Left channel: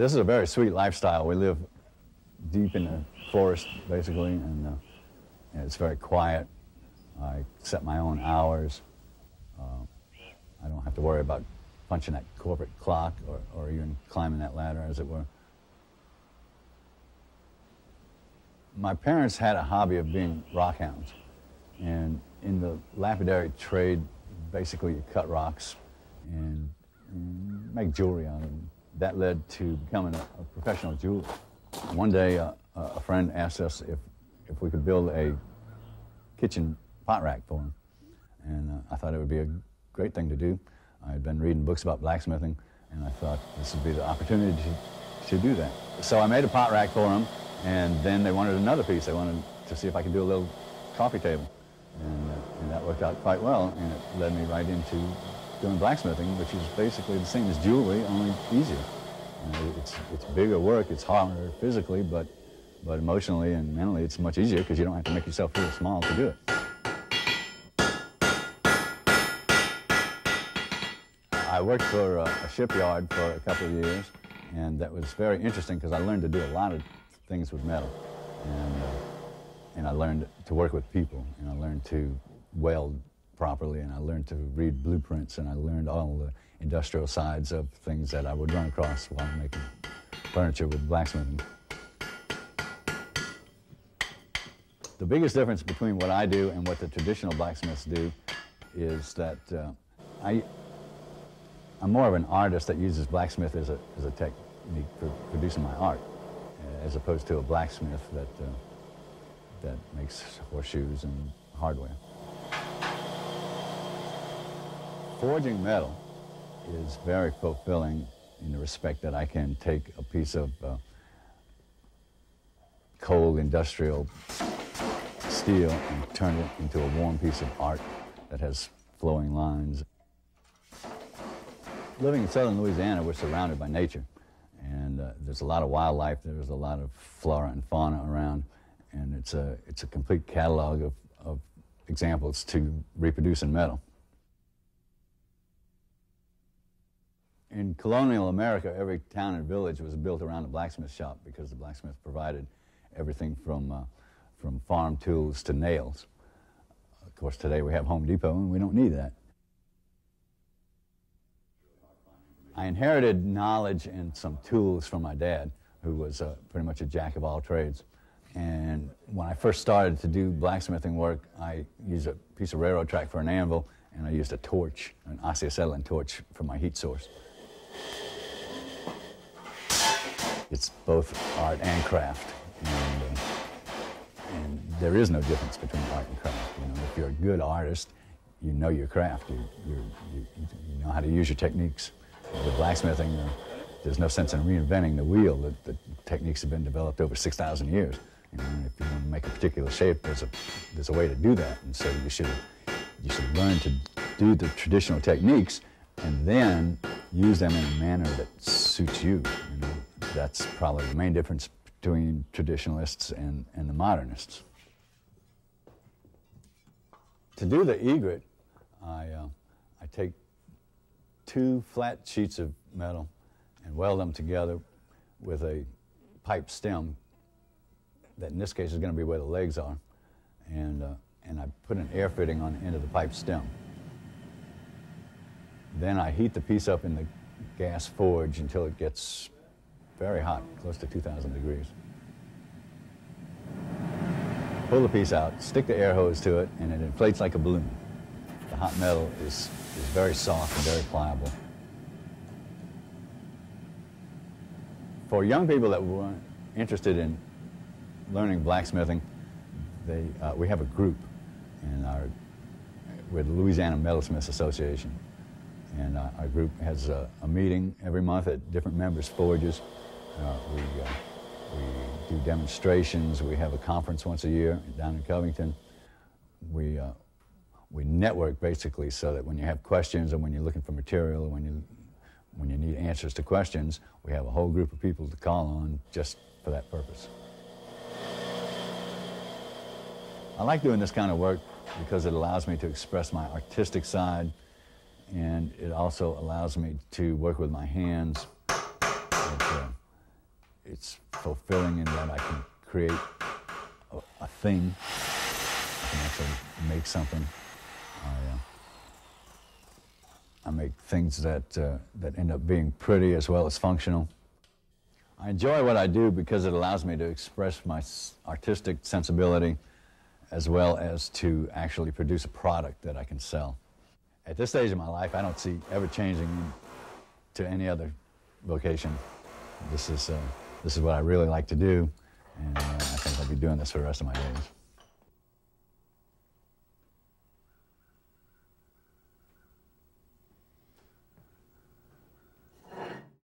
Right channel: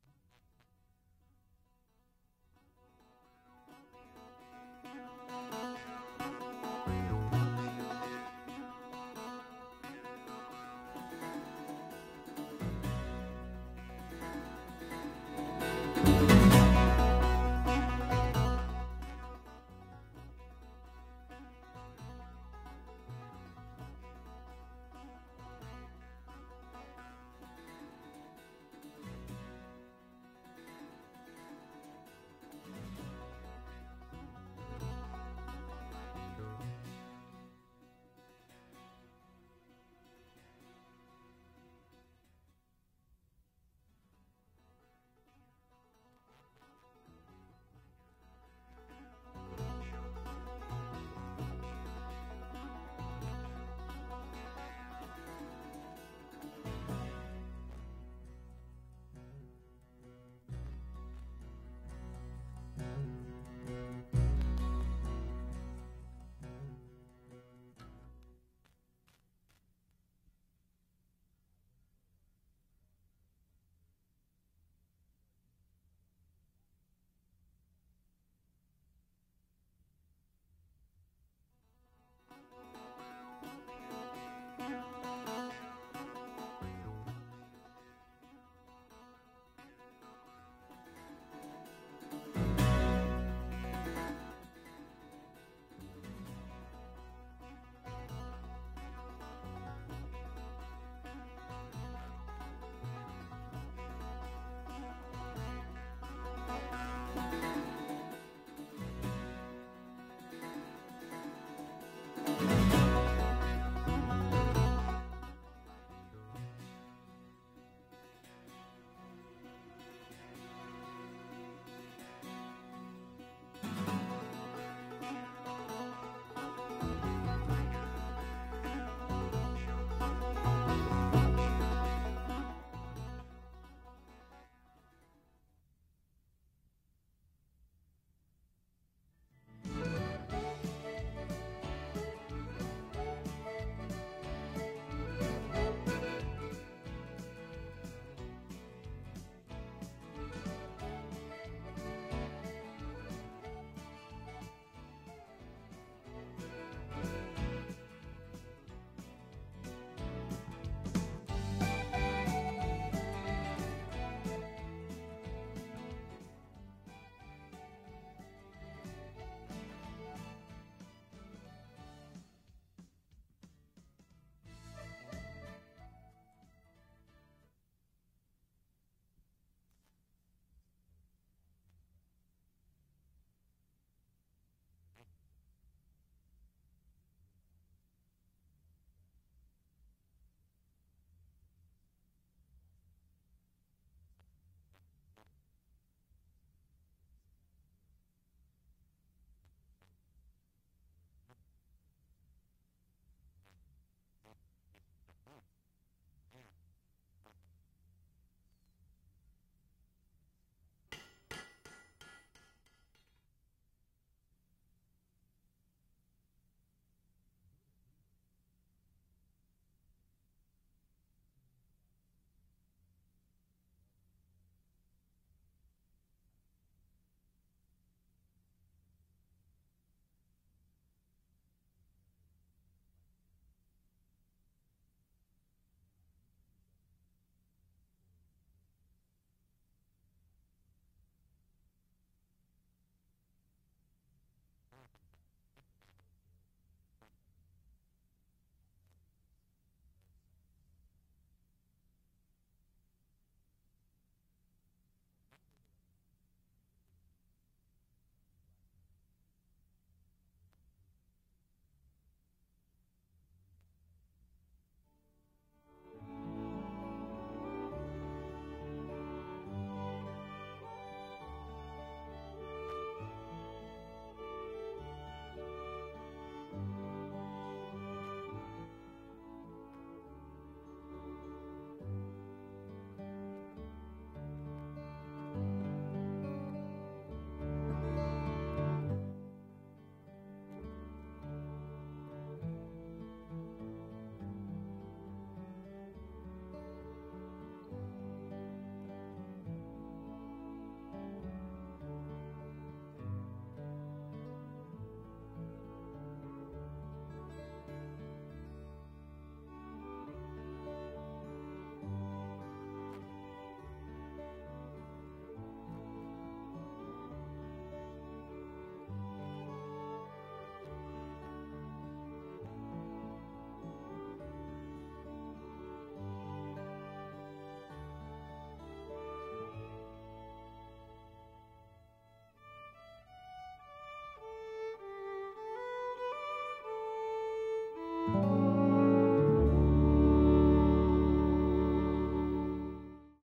This is a very sweet lifestyle. We live deep in the forest, basically, and it's very quiet. I set my own hours. I don't have to worry about punching that corporate clock or even climbing that ladder, as it were. My parents had a hobby of being rock hounds, and in the lapidary trade, basically you cut rocks and make jewelry out of them. That led to becoming a professional jeweler. One day, a friend asked us if we could build a kitchen pot rack for him, and I thought it would be a great thing to do. I had been reading books about blacksmithing, and I thought this would be the opportunity to do that. So I made a pot rack for him, and then they wanted another piece. They wanted to see if I could do a little coffee table, and that worked out quite well, and it led me right into doing blacksmithing, which is basically the same as jewelry, only easier. You know, it's bigger work, it's harder physically, but emotionally and mentally it's much easier because you don't have to make yourself feel small to do it. I worked for a shipyard for a couple of years, and that was very interesting because I learned to do a lot of things with metal, and I learned to work with people, and I learned to weld properly, and I learned to read blueprints, and I learned all of the industrial sides of things that I would run across while making furniture with blacksmithing. The biggest difference between what I do and what the traditional blacksmiths do is that I'm more of an artist that uses blacksmith as a technique for producing my art, as opposed to a blacksmith that makes horseshoes and hardware. Forging metal is very fulfilling in the respect that I can take a piece of cold industrial steel and turn it into a warm piece of art that has flowing lines. Living in southern Louisiana, we're surrounded by nature, and there's a lot of wildlife, there's a lot of flora and fauna around, and it's a complete catalog of examples to reproduce in metal. In colonial America, every town and village was built around a blacksmith shop because the blacksmith provided everything from farm tools to nails. Of course, today we have Home Depot and we don't need that. I inherited knowledge and some tools from my dad, who was pretty much a jack of all trades. And when I first started to do blacksmithing work, I used a piece of railroad track for an anvil, and I used a torch, an oxyacetylene torch, for my heat source. It's both art and craft, and there is no difference between art and craft. You know, if you're a good artist, you know your craft. You know how to use your techniques. With blacksmithing, there's no sense in reinventing the wheel. The techniques have been developed over 6,000 years. You know, if you want to make a particular shape, there's a way to do that, and so you should learn to do the traditional techniques and then use them in a manner that suits you. You know, that's probably the main difference between traditionalists and the modernists. To do the egret, I take 2 flat sheets of metal and weld them together with a pipe stem that in this case is going to be where the legs are, and I put an air fitting on the end of the pipe stem. Then I heat the piece up in the gas forge until it gets very hot, close to 2,000 degrees. Pull the piece out, stick the air hose to it, and it inflates like a balloon. The hot metal is very soft and very pliable. For young people that were interested in learning blacksmithing, we have a group, and we're the Louisiana Metalsmith Association, and our group has a meeting every month at different members' forges. We do demonstrations. We have a conference once a year down in Covington. We network basically so that when you have questions or when you're looking for material or when you need answers to questions, we have a whole group of people to call on just for that purpose. I like doing this kind of work because it allows me to express my artistic side, and it also allows me to work with my hands. it's fulfilling in that I can create a thing. I can actually make something. I make things that end up being pretty as well as functional. I enjoy what I do because it allows me to express my artistic sensibility as well as to actually produce a product that I can sell. At this stage of my life, I don't see ever changing to any other vocation. This is what I really like to do, and I think I'll be doing this for the rest of my days.